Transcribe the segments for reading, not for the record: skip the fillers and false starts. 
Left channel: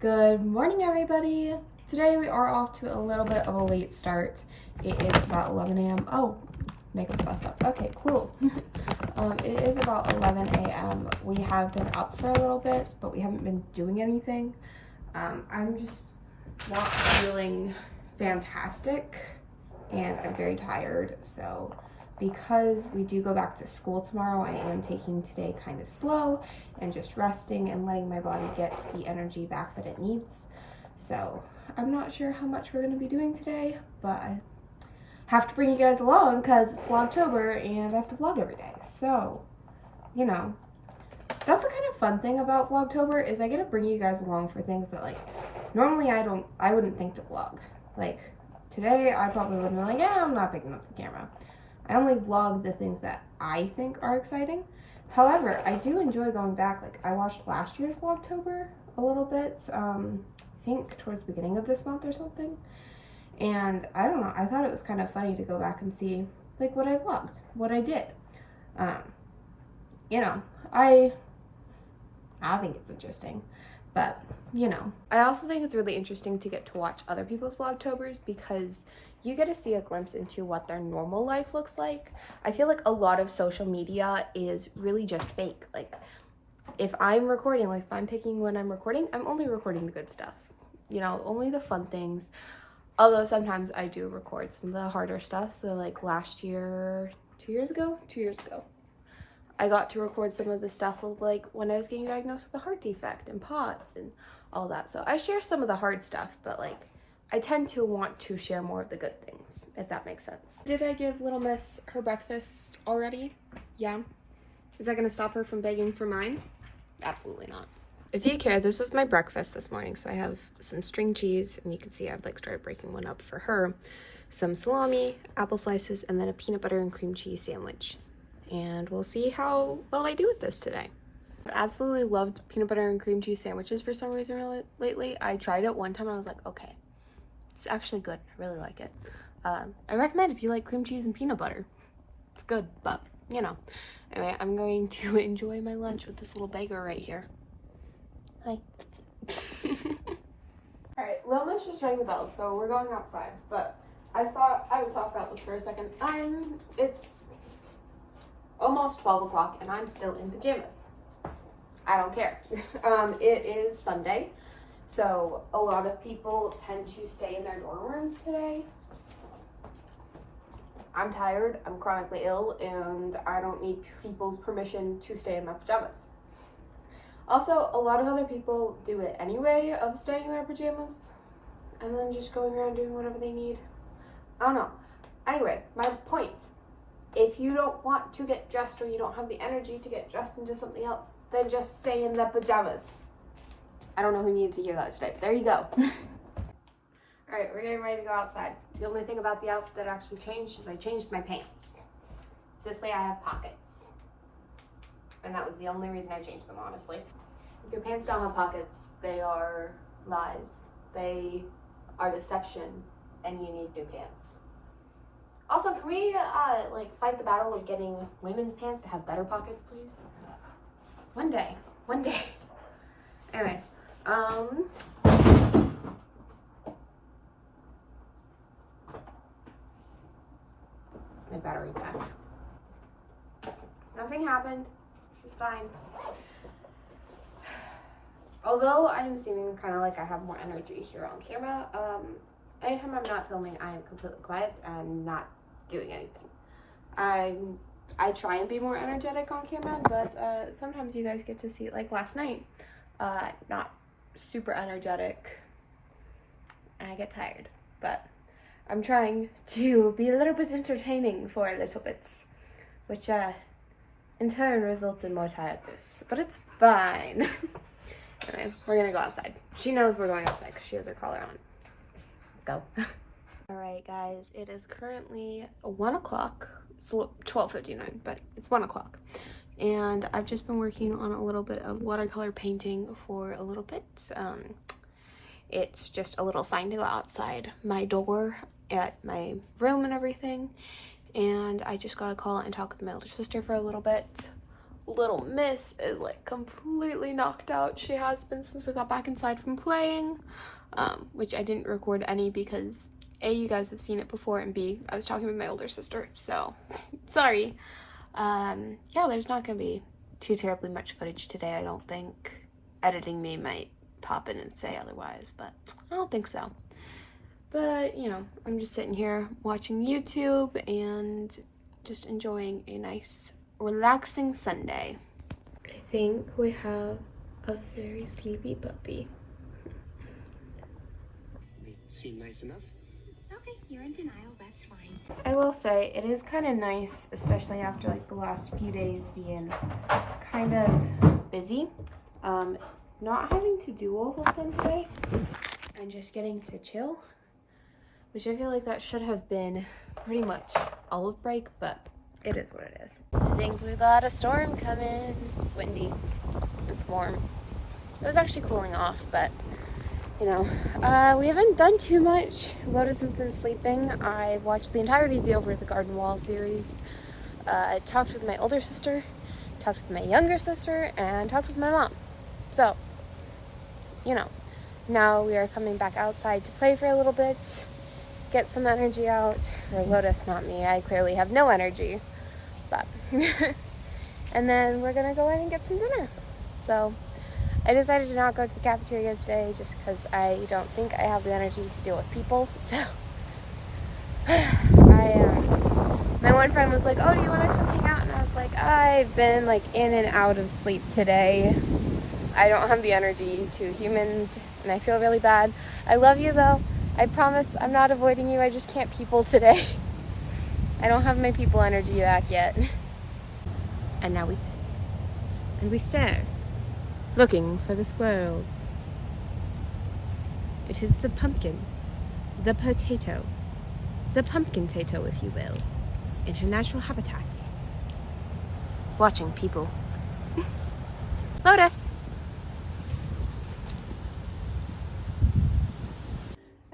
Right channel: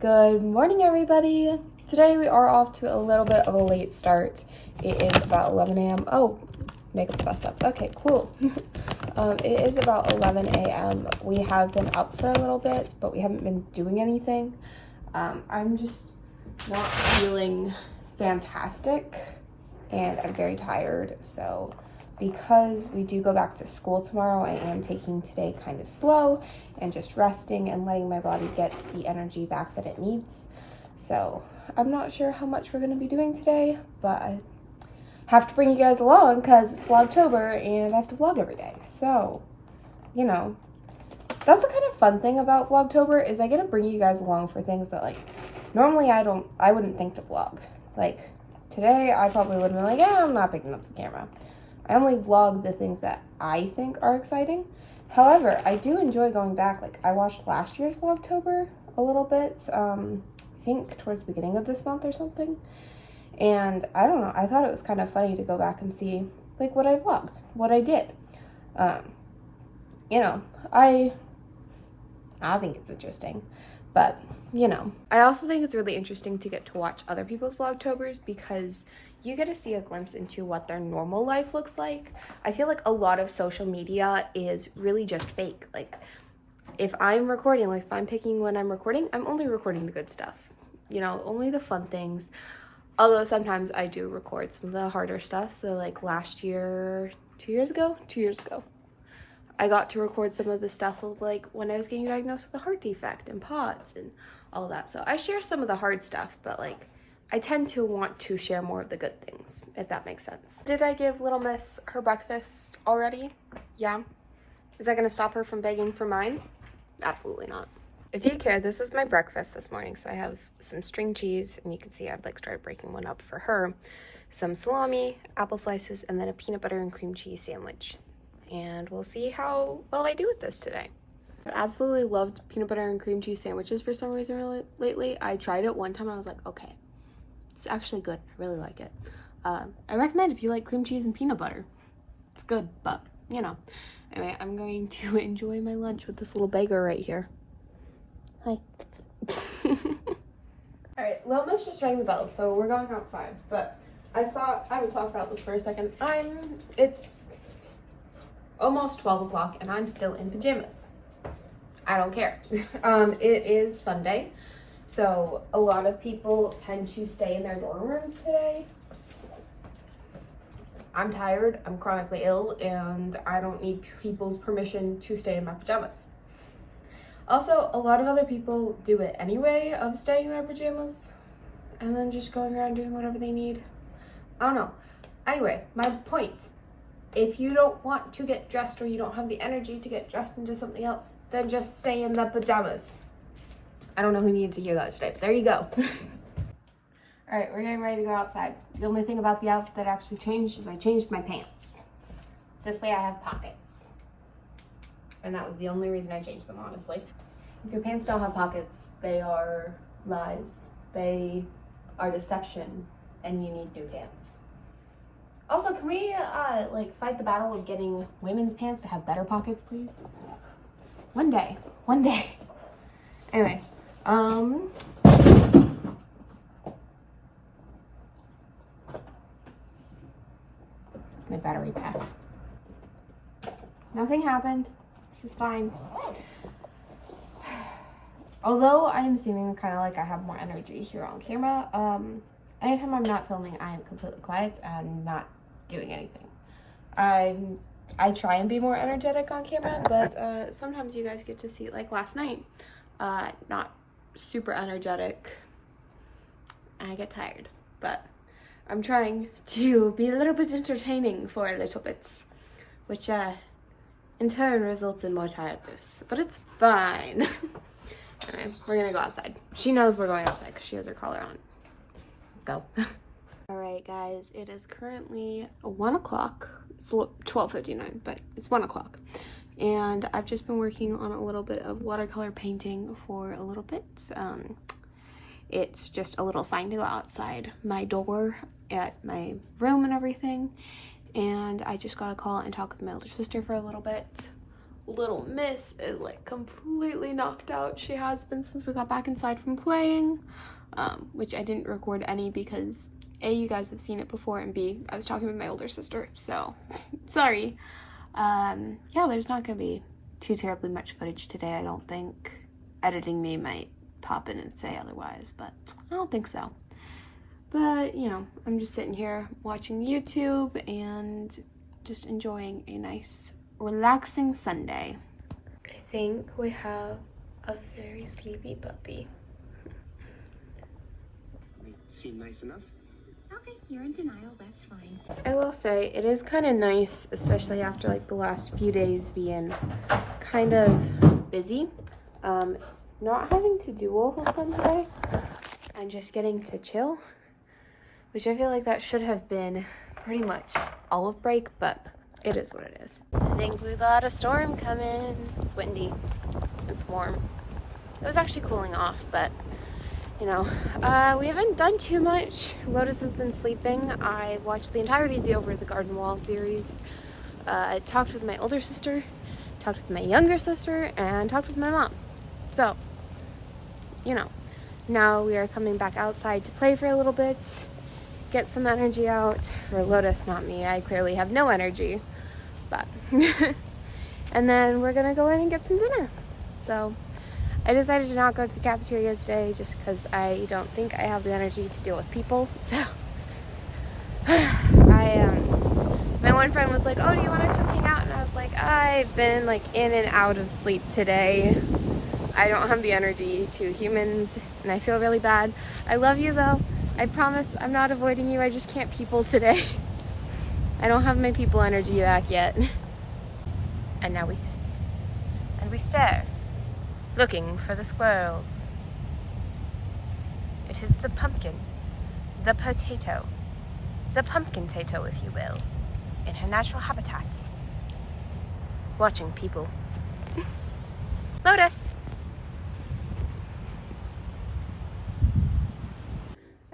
Good morning, everybody. Today we are off to a little bit of a late start. It is about 11 a.m. Oh, makeup's messed up. Okay, cool. It is about 11 a.m. We have been up for a little bit, but we haven't been doing anything. I'm just not feeling fantastic, and I'm very tired. So because we do go back to school tomorrow, I am taking today kind of slow and just resting and letting my body get the energy back that it needs. So I'm not sure how much we're going to be doing today, but I have to bring you guys along because it's Vlogtober and I have to vlog every day. So, you know, that's the kind of fun thing about Vlogtober is I get to bring you guys along for things that, like, normally I wouldn't think to vlog. Like today I probably would have been like, yeah, I'm not picking up the camera. I only vlog the things that I think are exciting. However, I do enjoy going back. Like, I watched last year's Vlogtober a little bit, I think towards the beginning of this month or something. And I don't know, I thought it was kind of funny to go back and see, like, what I vlogged, what I did. You know, I think it's interesting. But, you know, I also think it's really interesting to get to watch other people's Vlogtobers because you get to see a glimpse into what their normal life looks like. I feel like a lot of social media is really just fake. Like, if I'm recording, like if I'm picking when I'm recording, I'm only recording the good stuff. You know, only the fun things. Although sometimes I do record some of the harder stuff. So like last year, 2 years ago, I got to record some of the stuff of like when I was getting diagnosed with a heart defect and POTS and all that. So I share some of the hard stuff, but like I tend to want to share more of the good things, if that makes sense. Did I give Little Miss her breakfast already? Yeah. Is that gonna stop her from begging for mine? Absolutely not. If you care, this is my breakfast this morning. So I have some string cheese, and you can see I've like started breaking one up for her. Some salami, apple slices, and then a peanut butter and cream cheese sandwich. And we'll see how well I do with this today. I've absolutely loved peanut butter and cream cheese sandwiches for some reason lately. I tried it one time and I was like, okay, it's actually good. I really like it. I recommend if you like cream cheese and peanut butter. It's good, but you know. Anyway, I'm going to enjoy my lunch with this little beggar right here. Hi. Alright, Lil Miss just rang the bell, so we're going outside. But I thought I would talk about this for a second. It's almost 12 o'clock and I'm still in pajamas. I don't care. It is Sunday, so a lot of people tend to stay in their dorm rooms today. I'm tired, I'm chronically ill, and I don't need people's permission to stay in my pajamas. Also, a lot of other people do it anyway, of staying in their pajamas and then just going around doing whatever they need. I don't know. Anyway, my point. If you don't want to get dressed or you don't have the energy to get dressed into something else, then just stay in the pajamas. I don't know who needed to hear that today, but there you go. All right, we're getting ready to go outside. The only thing about the outfit that actually changed is I changed my pants. This way I have pockets. And that was the only reason I changed them, honestly. If your pants don't have pockets, they are lies. They are deception, and you need new pants. Also, can we, like, fight the battle of getting women's pants to have better pockets, please? One day. Anyway, it's my battery pack. Nothing happened. This is fine. Although I am seeming kind of like I have more energy here on camera, anytime I'm not filming, I am completely quiet and not doing anything. I try and be more energetic on camera, but sometimes you guys get to see, like last night, not super energetic, and I get tired. But I'm trying to be a little bit entertaining for a little bit, which in turn results in more tiredness. But it's fine. Anyway, we're gonna go outside. She knows we're going outside because she has her collar on. Let's go. All right, guys, it is currently 1 o'clock. It's 12:59, but it's 1 o'clock. And I've just been working on a little bit of watercolor painting for a little bit. It's just a little sign to go outside my door at my room and everything. And I just got a call and talk with my older sister for a little bit little miss is like completely knocked out. She has been since we got back inside from playing, which I didn't record any because A, you guys have seen it before, and B, I was talking with my older sister, so sorry. Yeah, there's not gonna be too terribly much footage today, I don't think. Editing me might pop in and say otherwise, but I don't think so. But, you know, I'm just sitting here watching YouTube and just enjoying a nice, relaxing Sunday. I think we have a very sleepy puppy. They seem nice enough. Okay, you're in denial, that's fine. I will say, it is kind of nice, especially after like the last few days being kind of busy. Not having to do a whole ton today and just getting to chill, which I feel like that should have been pretty much all of break, but it is what it is. I think we got a storm coming. It's windy, it's warm. It was actually cooling off, but you know, we haven't done too much. Lotus has been sleeping. I watched the entirety of the Over the Garden Wall series. I talked with my older sister, talked with my younger sister, and talked with my mom. So, you know, now we are coming back outside to play for a little bit, get some energy out. For Lotus, not me. I clearly have no energy, but and then we're gonna go in and get some dinner. So I decided to not go to the cafeteria today just because I don't think I have the energy to deal with people. So my one friend was like, oh, do you want to come hang out? And I was like, I've been like in and out of sleep today. I don't have the energy to humans, and I feel really bad. I love you though. I promise I'm not avoiding you. I just can't people today. I don't have my people energy back yet. And now we sit and we stare, looking for the squirrels. It is the pumpkin, the potato, the pumpkin-tato, if you will, in her natural habitat. Watching people. Lotus!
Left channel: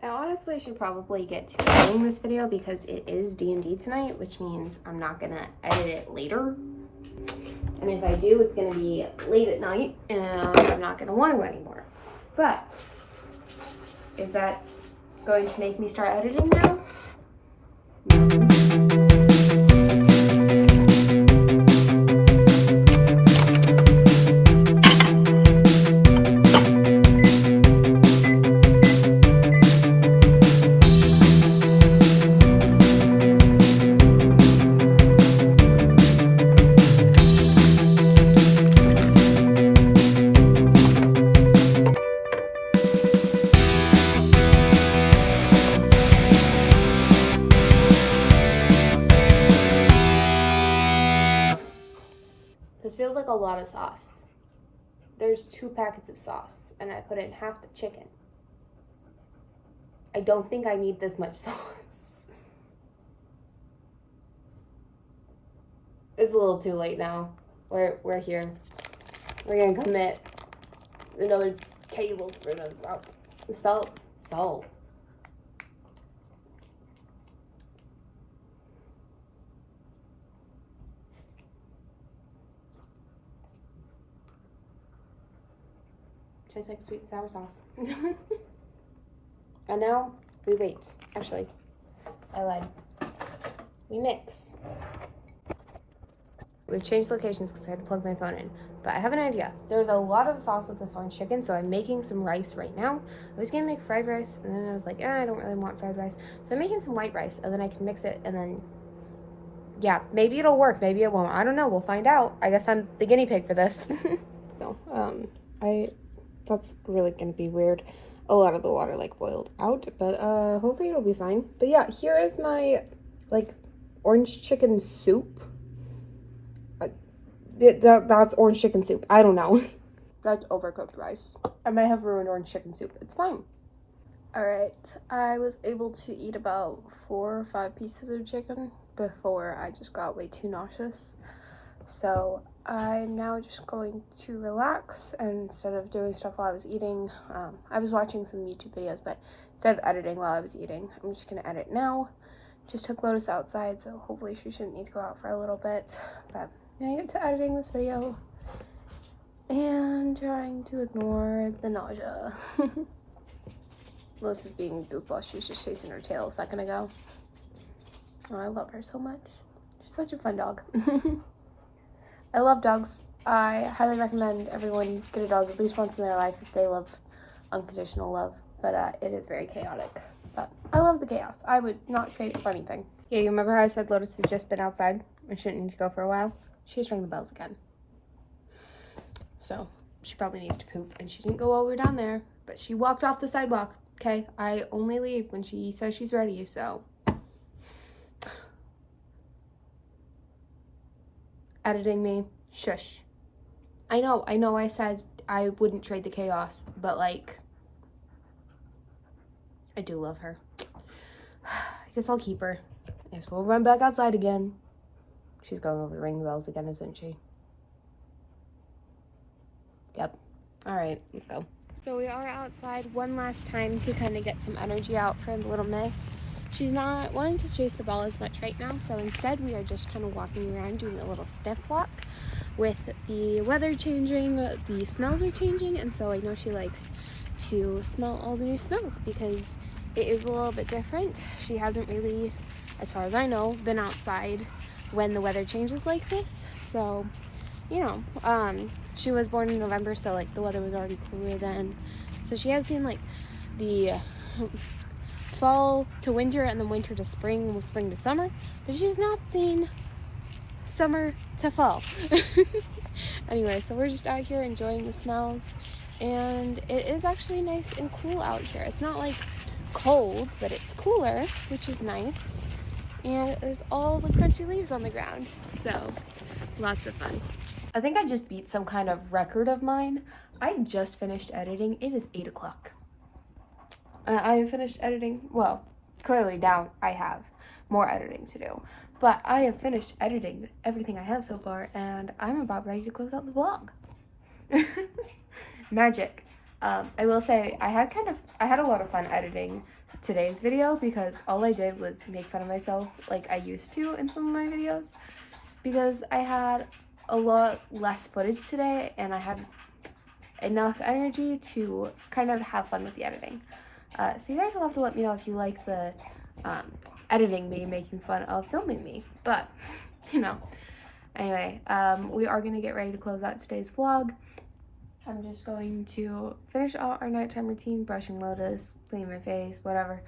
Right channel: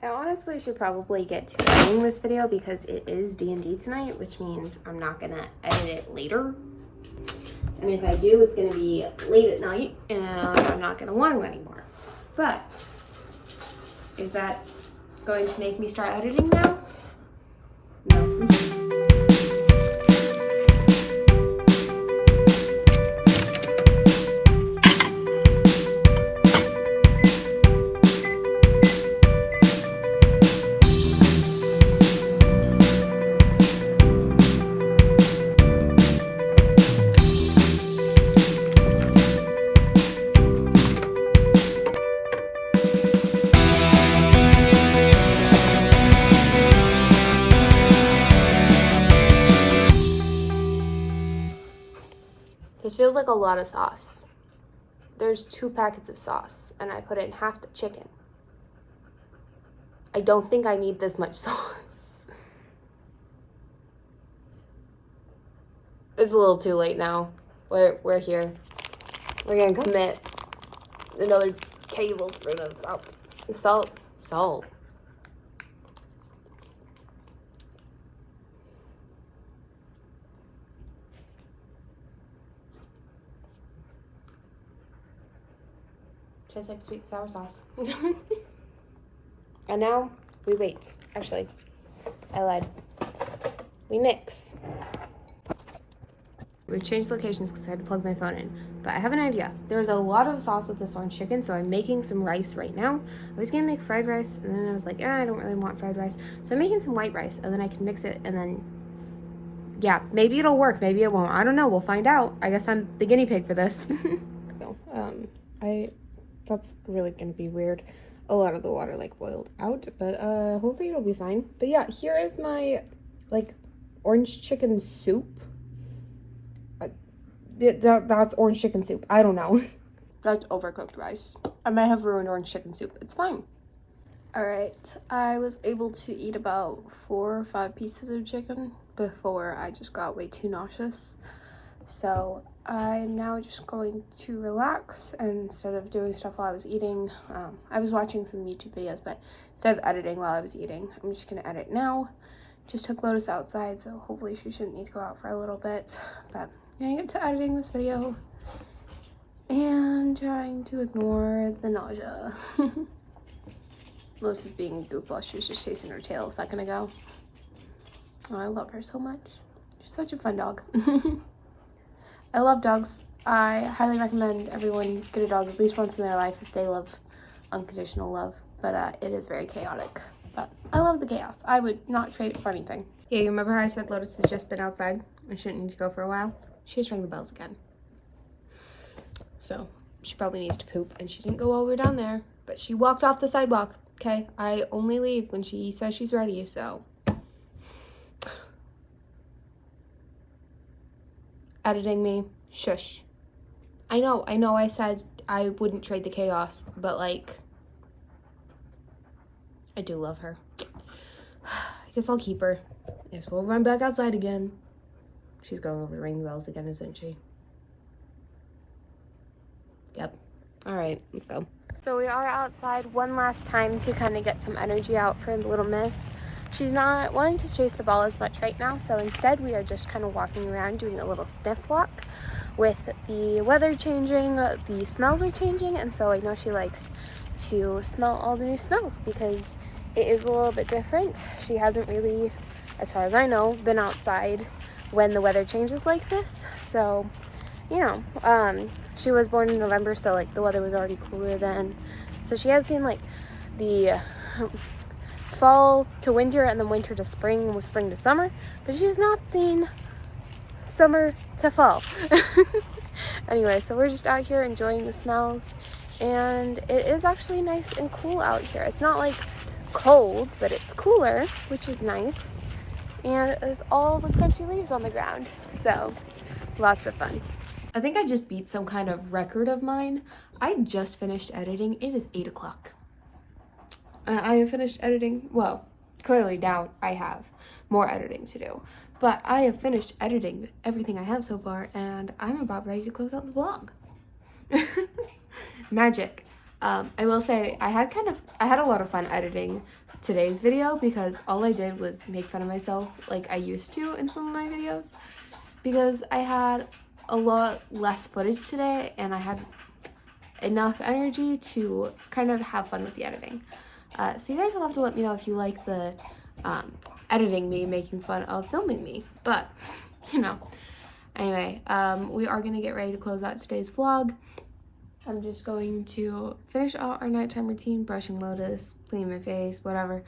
I honestly should probably get to editing this video because it is D&D tonight, which means I'm not gonna edit it later. And if I do, it's gonna be late at night and I'm not gonna want to anymore. But is that going to make me start editing now? No. This feels like a lot of sauce. There's 2 packets of sauce, and I put in half the chicken. I don't think I need this much sauce. It's a little too late now. We're here. We're gonna commit another tablespoon of salt. Salt. Tastes like sweet and sour sauce. And now we wait. Actually, I lied. We mix. We've changed locations because I had to plug my phone in. But I have an idea. There's a lot of sauce with this orange chicken, so I'm making some rice right now. I was gonna make fried rice, and then I was like, I don't really want fried rice. So I'm making some white rice, and then I can mix it, and then, yeah, maybe it'll work, maybe it won't. I don't know, we'll find out. I guess I'm the guinea pig for this. That's really gonna be weird. A lot of the water like boiled out, but hopefully it'll be fine. But yeah, here is my like orange chicken soup. That's orange chicken soup. I don't know. That's overcooked rice. I might have ruined orange chicken soup. It's fine. All right, I was able to eat about 4 or 5 pieces of chicken before I just got way too nauseous. So I'm now just going to relax, and instead of doing stuff while I was eating, I was watching some YouTube videos, but instead of editing while I was eating, I'm just gonna edit now. Just took Lotus outside, so hopefully she shouldn't need to go out for a little bit. But gonna get to editing this video and trying to ignore the nausea. Melissa's being a goofball. She was just chasing her tail a second ago. Oh, I love her so much. She's such a fun dog. I love dogs. I highly recommend everyone get a dog at least once in their life if they love unconditional love. But it is very chaotic. But I love the chaos. I would not trade it for anything. Yeah, you remember how I said Lotus has just been outside and shouldn't need to go for a while? She just rang the bells again. So she probably needs to poop, and she didn't go all the way down there, but she walked off the sidewalk. Okay, I only leave when she says she's ready, so. Editing me, shush. I know I said I wouldn't trade the chaos, but like, I do love her. I guess I'll keep her. I guess we'll run back outside again. She's going over to ring the bells again, isn't she? Yep. All right, let's go. So we are outside one last time to kind of get some energy out for little miss. She's not wanting to chase the ball as much right now, so instead we are just kind of walking around doing a little sniff walk. With the weather changing, the smells are changing, and so I know she likes to smell all the new smells because it is a little bit different. She hasn't really, as far as I know, been outside when the weather changes like this. So, you know, she was born in November, so like the weather was already cooler then. So she has seen like the fall to winter and then winter to spring, with spring to summer, but she's not seen summer to fall. Anyway, so we're just out here enjoying the smells, and it is actually nice and cool out here. It's not like cold, but it's cooler, which is nice. And there's all the crunchy leaves on the ground, so lots of fun. I think I just beat some kind of record of mine. I just finished editing. It is 8 o'clock. I have finished editing. Well, clearly now I have more editing to do. But I have finished editing everything I have so far, and I'm about ready to close out the vlog. Magic. I will say I had a lot of fun editing today's video because all I did was make fun of myself like I used to in some of my videos, because I had a lot less footage today and I had enough energy to kind of have fun with the editing. So you guys will have to let me know if you like the editing me, making fun of filming me, but you know. Anyway, we are going to get ready to close out today's vlog. I'm just going to finish out our nighttime routine, brushing Lotus, cleaning my face, whatever,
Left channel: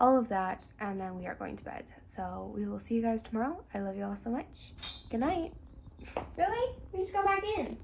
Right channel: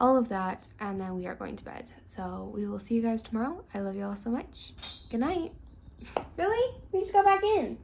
all of that, and then we are going to bed. So we will see you guys tomorrow. I love you all so much. Good night. Really? We just go back in.